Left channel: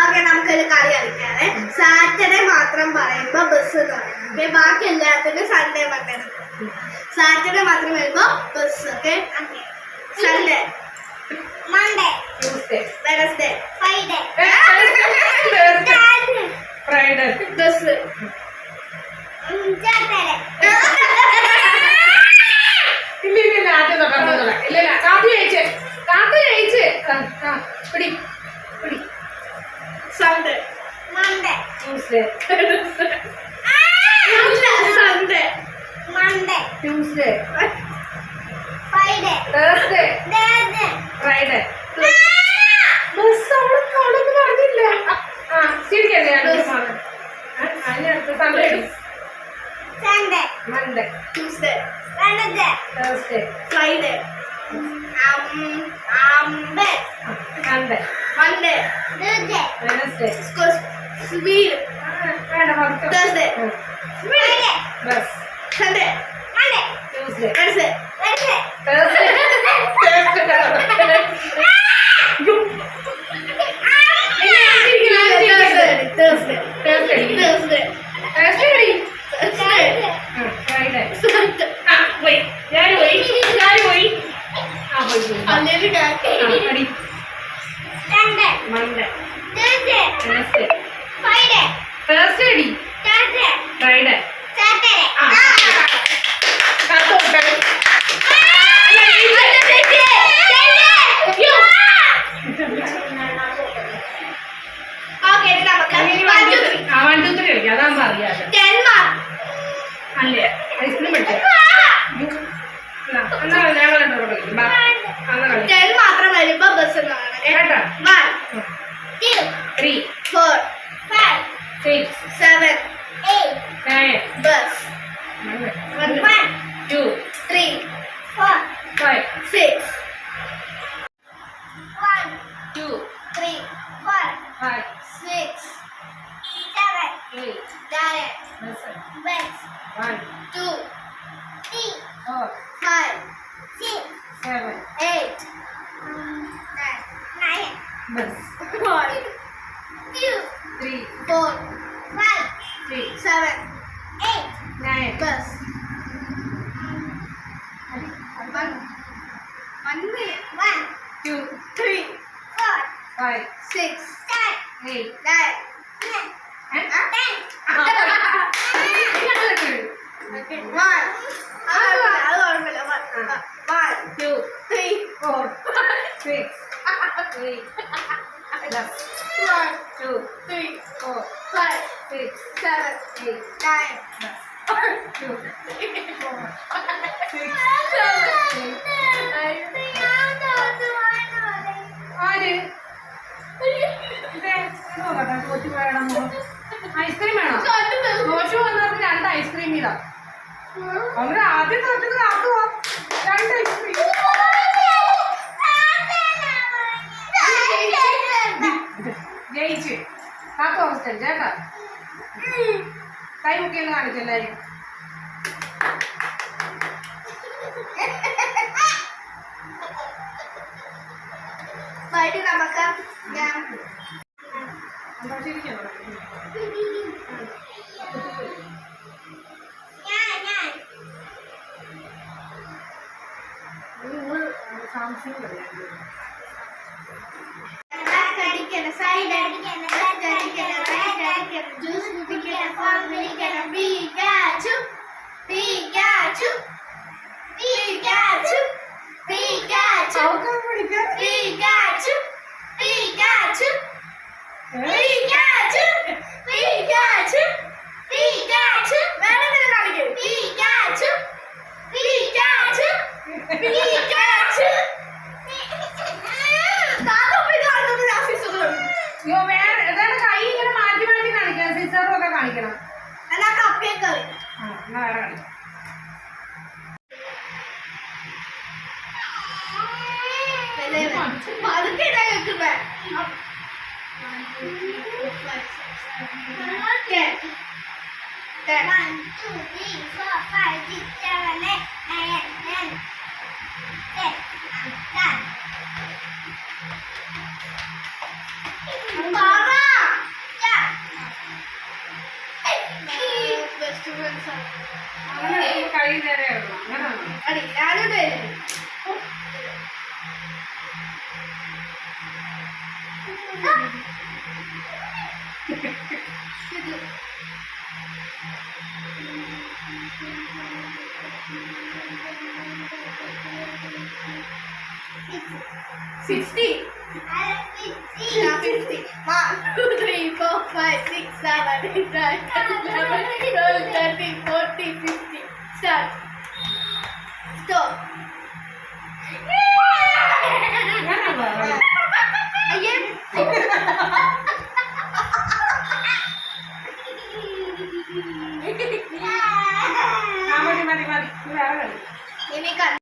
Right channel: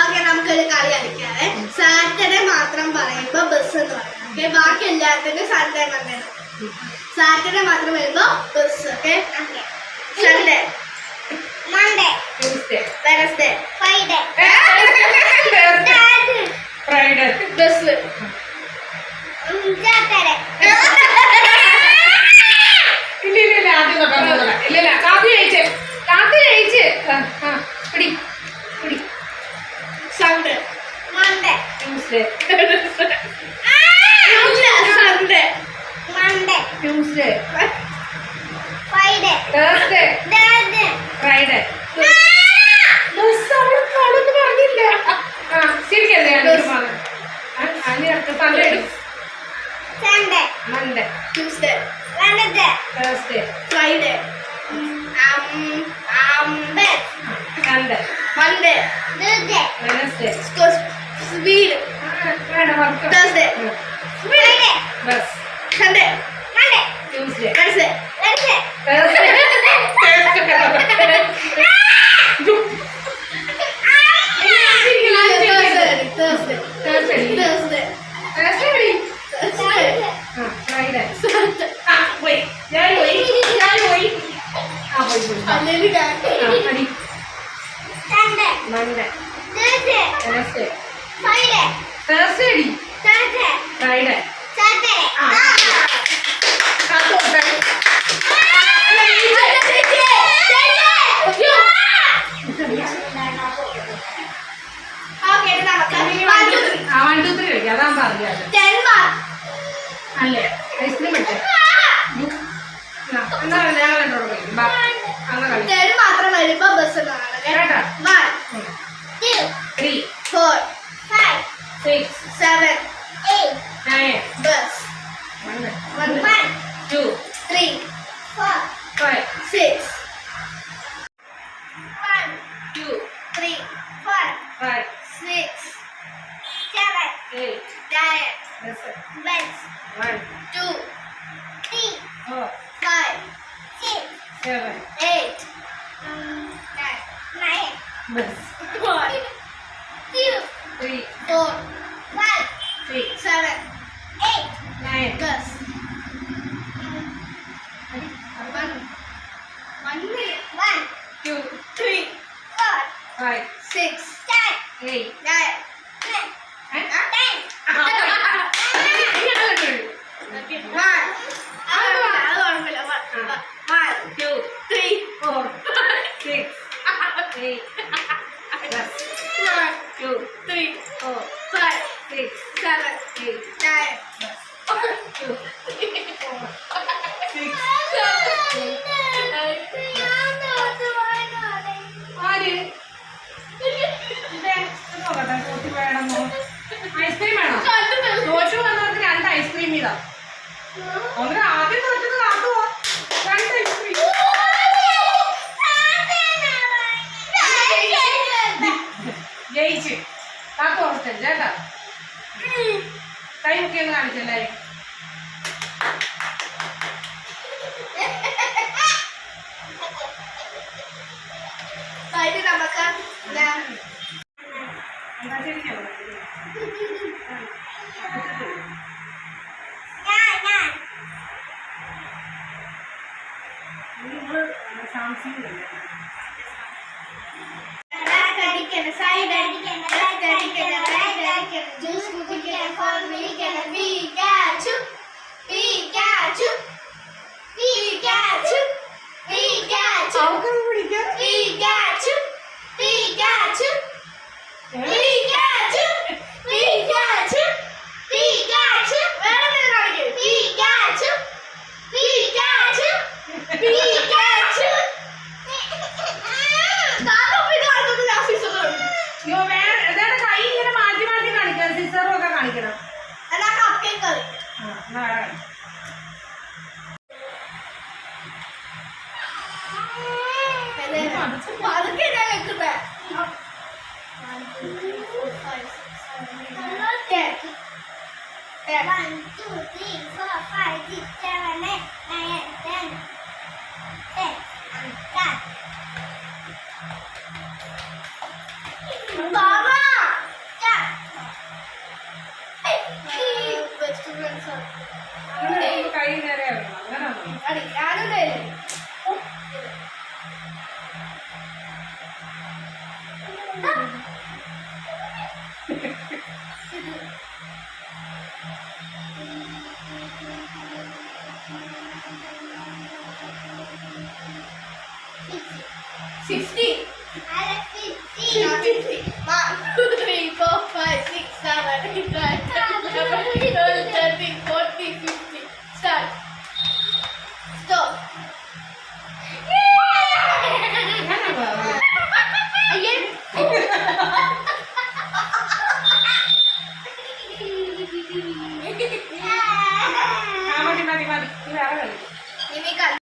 Okay, നമുക്കൊരു കളി കളിക്കാവേ. Saturday മാത്രം പറയുമ്പോ ബസ് എന്ന് പറയും. ഓക്കെ, ബാക്കി എല്ലാത്തിനും സൺഡേ മൺഡേ. സാറ്റർഡേ മാത്രം വരുമ്പോ bus. Okay, Sunday Monday Tuesday Wednesday Friday Friday bus Saturday. ഇല്ല ആദ്യം പറഞ്ഞോളാം. ഇല്ല കാപ്പി കഴിച്ച് പിടി പിടി. Sunday Monday Tuesday Sunday Monday Tuesday Friday Thursday Friday. പറഞ്ഞില്ല. ശരിയല്ലേ? Sunday Monday Tuesday Wednesday Thursday Friday Monday Monday Tuesday Wednesday speed Thursday Friday bus Sunday Monday Tuesday Wednesday Thursday Thursday Friday Monday Wednesday Thursday അടി Friday അതാകുമ്പോ അറിയാലോ. അല്ലേ ice cream പഠിച്ചോ? എന്നാ ഞങ്ങൾ എന്നോട് കളിക്കും. മാത്രം വരുമ്പോ ബസ് കേട്ടോ? 1 2 3 4 5 6 7 8 9 bus 1 2 3 4 5 6 1 2 3 4 5 6 7 8 9 bus 1 2 3 4 5 6 7 8 9 bus 1 2 3 4 5 6 7 8 9 bus 2 3 4 5 6 8 9 2 4 6 8 bus 2 3 4 6 7 8 bus 2 3 4 ആര് തോറ്റി വേണമോ? ഐസ്ക്രീം വേണോ? തോറ്റു വന്നവർക്ക് 2 ഐസ്ക്രീം ഇതാ. അങ്ങനെ ആദ്യം തോറ്റത് കാത്തുവാ. 2 ഐസ്ക്രീം ജയിച്ച് കാത്തു ഹോസ്റ്റൽ ചേട്ടാ. കൈ മുക്കിയെന്ന് കാണിച്ചെല്ലാരും. നമുക്ക് സൈഡ് അടിക്കണം ജ്യൂസ് കുടിക്കണം ഫോൺ വിളിക്കണം പീക്കാച്ചു പീക്കാച്ചു പീക്കാച്ചു പീക്കാച്ചു പീക്കാച്ചു പീക്കാച്ചു പീക്കാച്ചു പീക്കാച്ചു പീക്കാച്ചു വേറെ കാണിക്കും പീക്കാച്ചു പീക്കാച്ചു പീക്കാച്ചു. വേറെ കൈ ഇങ്ങനെ മാറ്റി മാറ്റി കാണിക്കണം. സിസറും ഒക്കെ കാണിക്കണം. എന്നാ കപ്പ് കേക്ക് കളി. എന്നാ വേറെ കാണിക്കാം. അതൊക്കെ കേൾക്കുന്നേ. 1 2 3 4 5 6 7 8 9 10 10 10. Baba അങ്ങനെ എടുക്കുമ്പോ കൈ നേരെ ഇടണം. അങ്ങനെയാണോ? അടി ഞാനോട് Sixty. 50. 1, 2, 3, 4, 5, 6, 7, 8, 9, 10, 11, 12, 13, 14, 15. Start. Stop.